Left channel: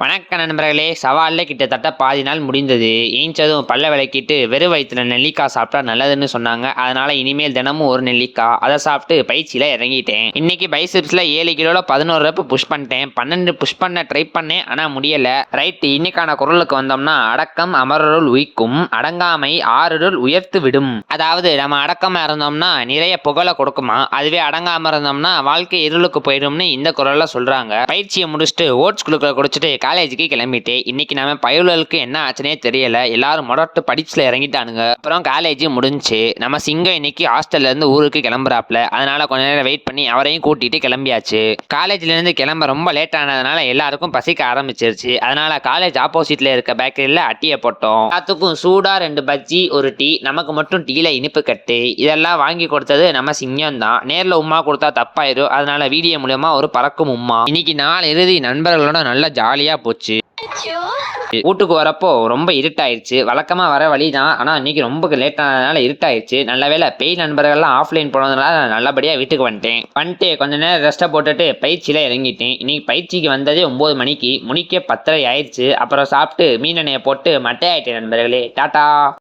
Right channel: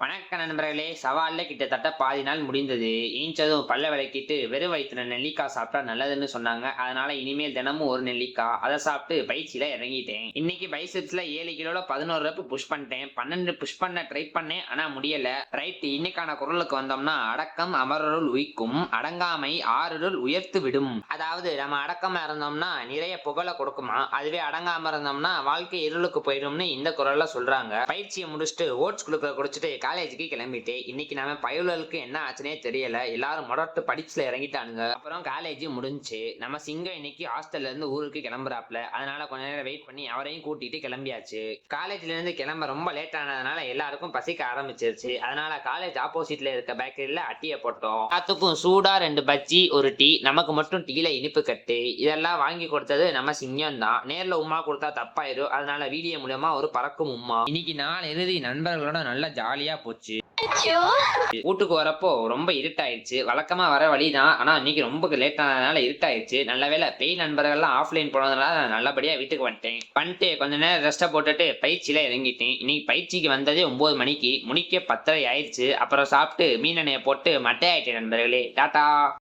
வணக்க நண்பர்களே, சவாலில் கிட்டத்தட்ட பாதி நாள் முடிந்தது. ஏஞ்சதும் பல்ல விளக்கிட்டு வெறும் வயிற்றுல நெல்லிக்காய் சாப்பிட்டா நல்லதுன்னு சொன்னாங்க. அதனால இனிமேல் தினமும் ஒரு நெல்லிக்காய் அதை சாப்பிட்டு பயிற்சியில் இறங்கிட்டேன். இன்னைக்கு பைசெப்ஸில் 7 கிலோவில் 11 ரெப் புஷ் பண்ணிட்டேன். 12 புஷ் பண்ண ட்ரை பண்ணேன், ஆனால் முடியலை. ரைட், இன்னைக்கான குரலுக்கு வந்தோம்னா, அடக்கம் அமரருள் உயிக்கும், அடங்காமை ஆறுருள் உயர்த்து விடும். அதாவது நம்ம அடக்கமாக இருந்தோம்னா நிறைய புகழை கொடுக்குமா, அதுவே அடங்காமல் இருந்தோம்னா வாழ்க்கை இருளுக்கு போயிடும்னு இந்த குரலில் சொல்கிறாங்க. பயிற்சியை முடிச்சுட்டு ஓட்ஸ் குழுக்களை குடிச்சிட்டு காலேஜுக்கு கிளம்பிட்டேன். இன்னைக்கு நம்ம பயலுக்கு என்ன ஆச்சுனே தெரியல. எல்லாரும் மொடட்டு படிச்சுல இறங்கிட்டானுங்க. அப்புறம் காலேஜ் முடிஞ்சு நம்ம சிங்கம் இன்னைக்கு ஹாஸ்டல்ல இருந்து ஊருக்கு கிளம்புறாப்ல. அதனால கொஞ்ச நேரம் வெயிட் பண்ணி அவரையும் கூட்டிட்டு கிளம்பியாச்சு. காலேஜ்ல இருந்து கிளம்ப ரொம்ப லேட் ஆனதுனால எல்லாருக்கும் பசிக்க ஆரம்பிச்சிருச்சு. அதனால காலேஜ் ஆப்போசிட்ல இருக்க பேக்கரியில அட்டியை போட்டோம். எல்லாத்துக்கும் சூடா 2 பஜ்ஜி, ஒரு டீ. நமக்கு மட்டும் டீல இனிப்பு கட்டு. இதெல்லாம் வாங்கி கொடுத்தது நம்ம சிங்கம் தான். நேர்ல உமா கொடுத்தா தப்பாயிரும். அதனால வீடியோ மூலமா ஒரு பறக்கும் உமா. இன்னைக்கு நாள் இறுதி நண்பர்களோட நல்ல ஜாலியா போச்சு. வீட்டுக்கு வரப்போ ரொம்ப இருட்டாயிருச்சு. வழக்கமா வர வழிதான், ஆனா இன்னைக்கு ரொம்ப லேட் ஆனதுனால இருட்டாயிருச்சு. நல்ல வேலை பேய் நண்பர்கள்லாம் ஆஃப்லைன் போனதுனால நல்லபடியா வீட்டுக்கு வந்துட்டு கொஞ்ச நேரம் ரெஸ்ட்டை போட்டுட்டு பயிற்சியில இறங்கிட்டேன். இன்னைக்கு பயிற்சிக்கு வந்ததே 9 மணிக்கு, முடிக்க 10:30 ஆயிடுச்சு. அப்புறம் சாப்பிட்டு மீன் எண்ணெயை போட்டு மட்டை ஆயிட்டேன் நண்பர்களே. டாட்டா.